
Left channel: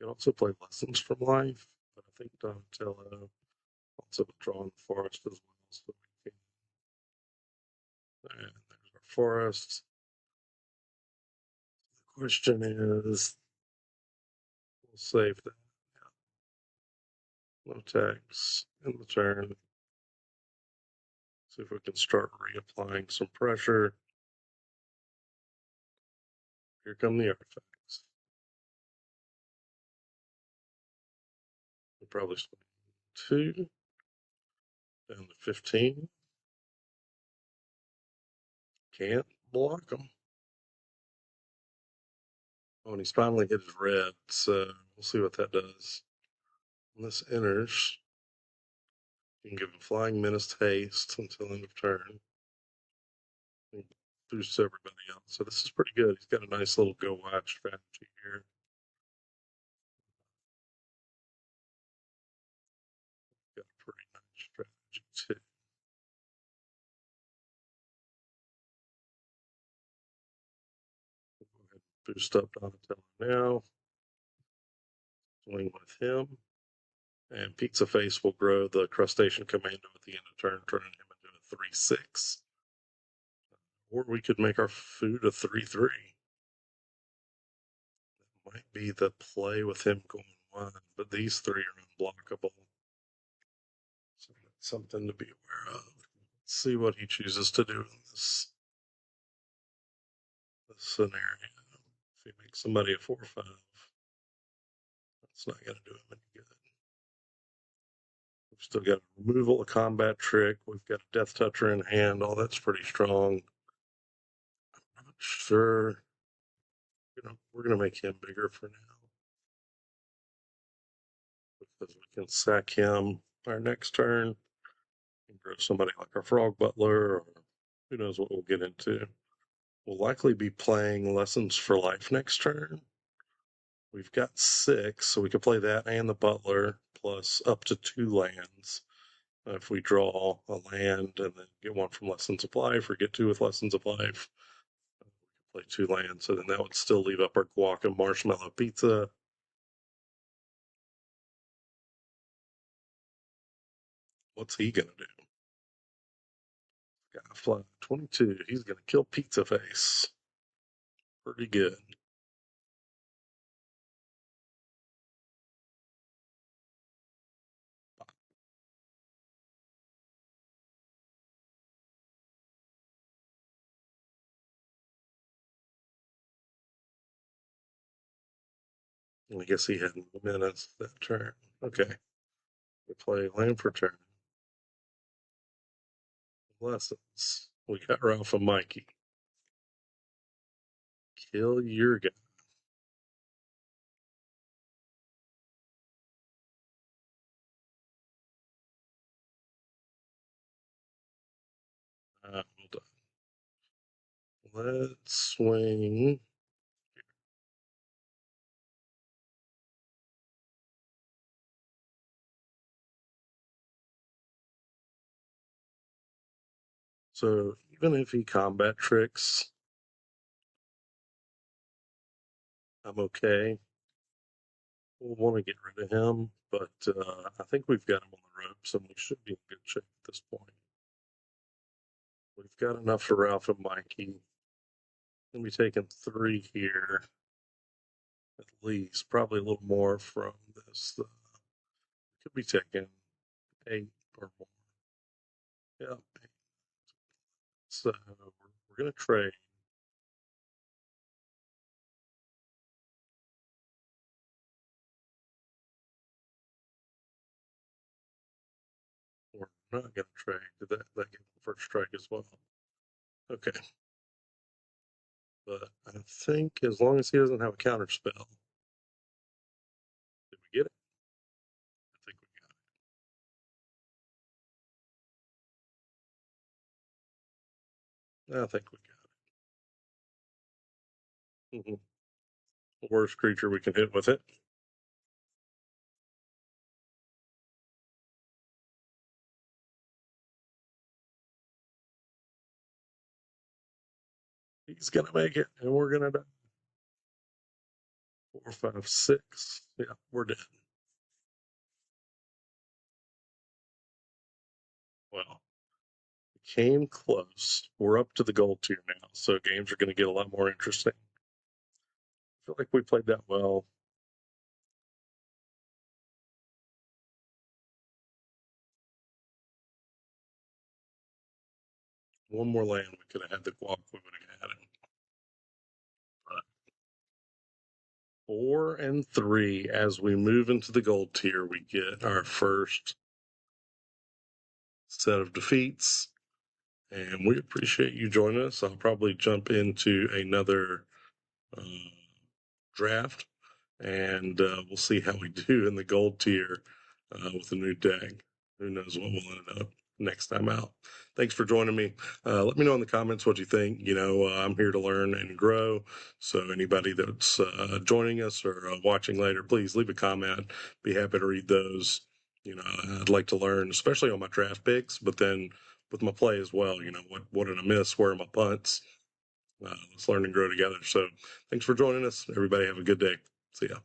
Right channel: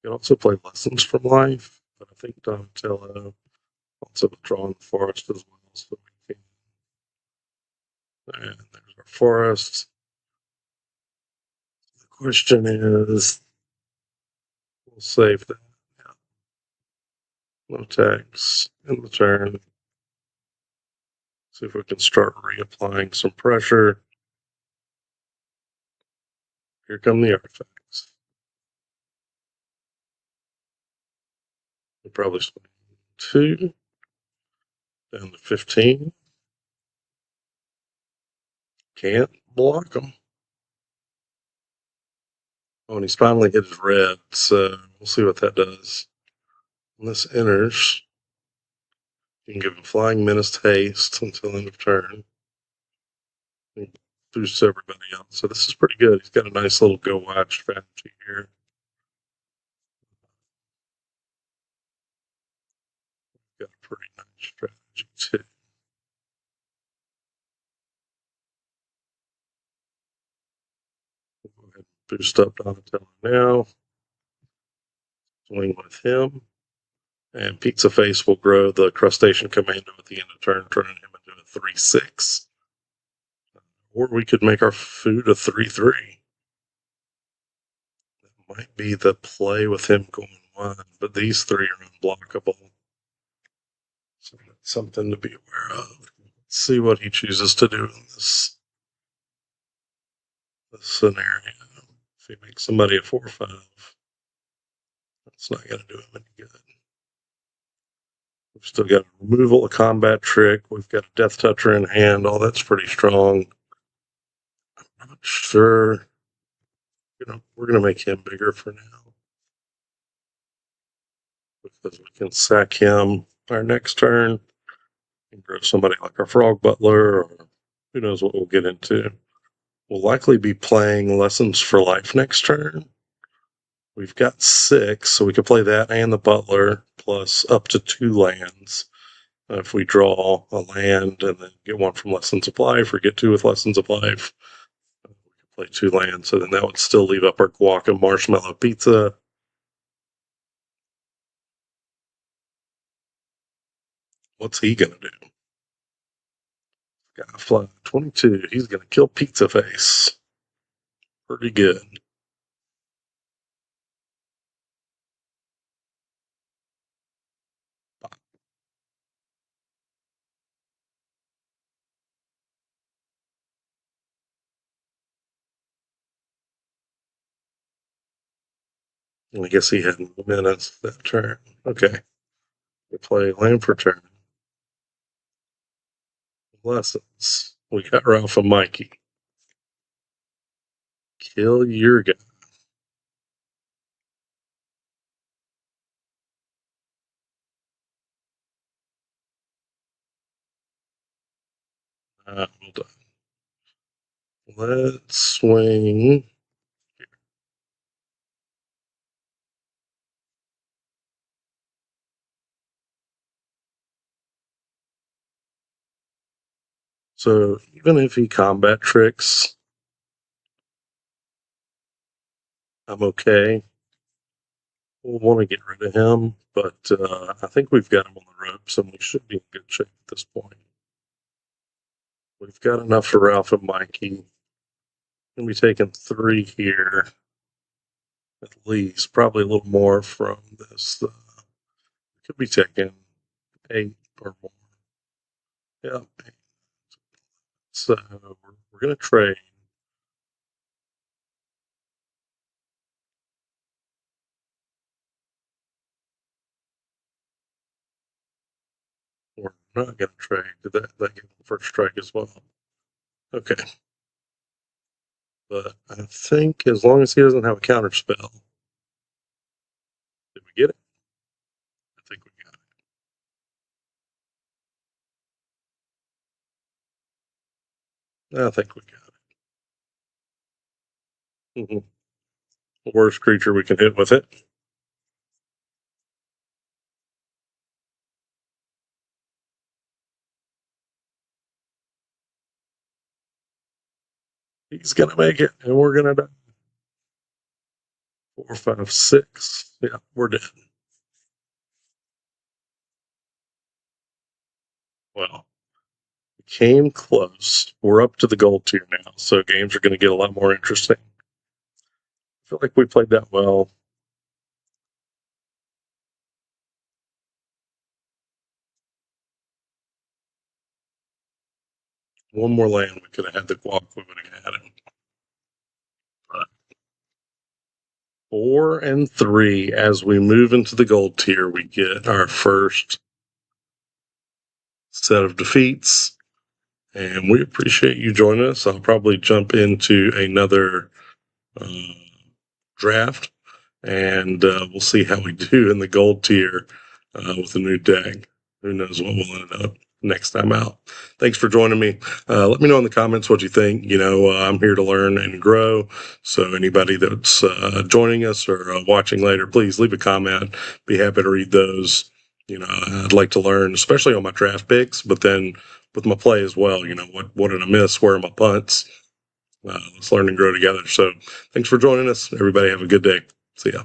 We also play Lessons from Life, but I think Donatello also drawing the forest as well. So we can. And there's our forest. The question is, we'll save that. No attacks in the turn. See if we can start reapplying some pressure. Here come the artifacts. We'll probably swing 2 and 15. Can't block them. Oh, and he's finally hit his red, so we'll see what that does. When this enters, you can give him Flying Menace haste until end of turn. And boost everybody else. So this is pretty good. He's got a nice little go wide strategy here. Got a pretty nice strategy too. We'll go ahead and boost up Donatello now. Swing with him. And Pizza Face will grow the Crustacean Commando at the end of turn, turning him into a 3/6. Or we could make our food a 3/3. That might be the play with him going 1, but these 3 are unblockable. So that's something to be aware of. Let's see what he chooses to do in this scenario. If he makes somebody a 4/5, that's not going to do him any good. We've still got removal, a combat trick. We've got a Death Toucher in hand. All that's pretty strong. I'm not sure. We're going to make him bigger for now. Because we can sack him. our next turn. Or somebody like our Frog Butler, or who knows what we'll get into. We'll likely be playing Lessons for Life next turn. We've got 6, so we could play that and the Butler, plus up to 2 lands. If we draw a land and then get one from Lessons of Life, or get 2 with Lessons of Life, play 2 lands, so then that would still leave up our guac and marshmallow pizza. What's he gonna do? Yeah, fly 22. He's gonna kill Pizza Face. Pretty good. I guess he had minutes that turn. Okay. We play land for turn. Lessons. We got Ralph and Mikey. Kill your guy. Hold on. Let's swing. So even if he combat tricks, I'm okay. We'll want to get rid of him, but I think we've got him on the ropes, and we should be in good shape at this point. We've got enough for Ralph and Mikey. We'll be taking 3 here, at least. Probably a little more from this. Could be taking 8 or more. Yeah. So we're going to trade. We're not going to trade. That first strike as well. Okay. But I think as long as he doesn't have a counter spell. Did we get it? I think we got it. I think we got it. Worst creature we can hit with it. He's going to make it, and we're going to die. 4, 5, 6. Yeah, we're dead. Well, came close. We're up to the gold tier now, so games are going to get a lot more interesting. I feel like we played that well. One more land, we could have had the guac, we would have had him. But 4 and 3, as we move into the gold tier, we get our first set of defeats, and we appreciate you joining us. I'll probably jump into another draft, and we'll see how we do in the gold tier with a new deck. Who knows what we'll end up next time out. Thanks for joining me. Let me know in the comments what you think. I'm here to learn and grow. So anybody that's joining us or watching later, please leave a comment. Be happy to read those. I'd like to learn, especially on my draft picks, but then with my play as well. What did I miss? Where are my punts? Let's learn and grow together. So thanks for joining us. Everybody have a good day. See ya.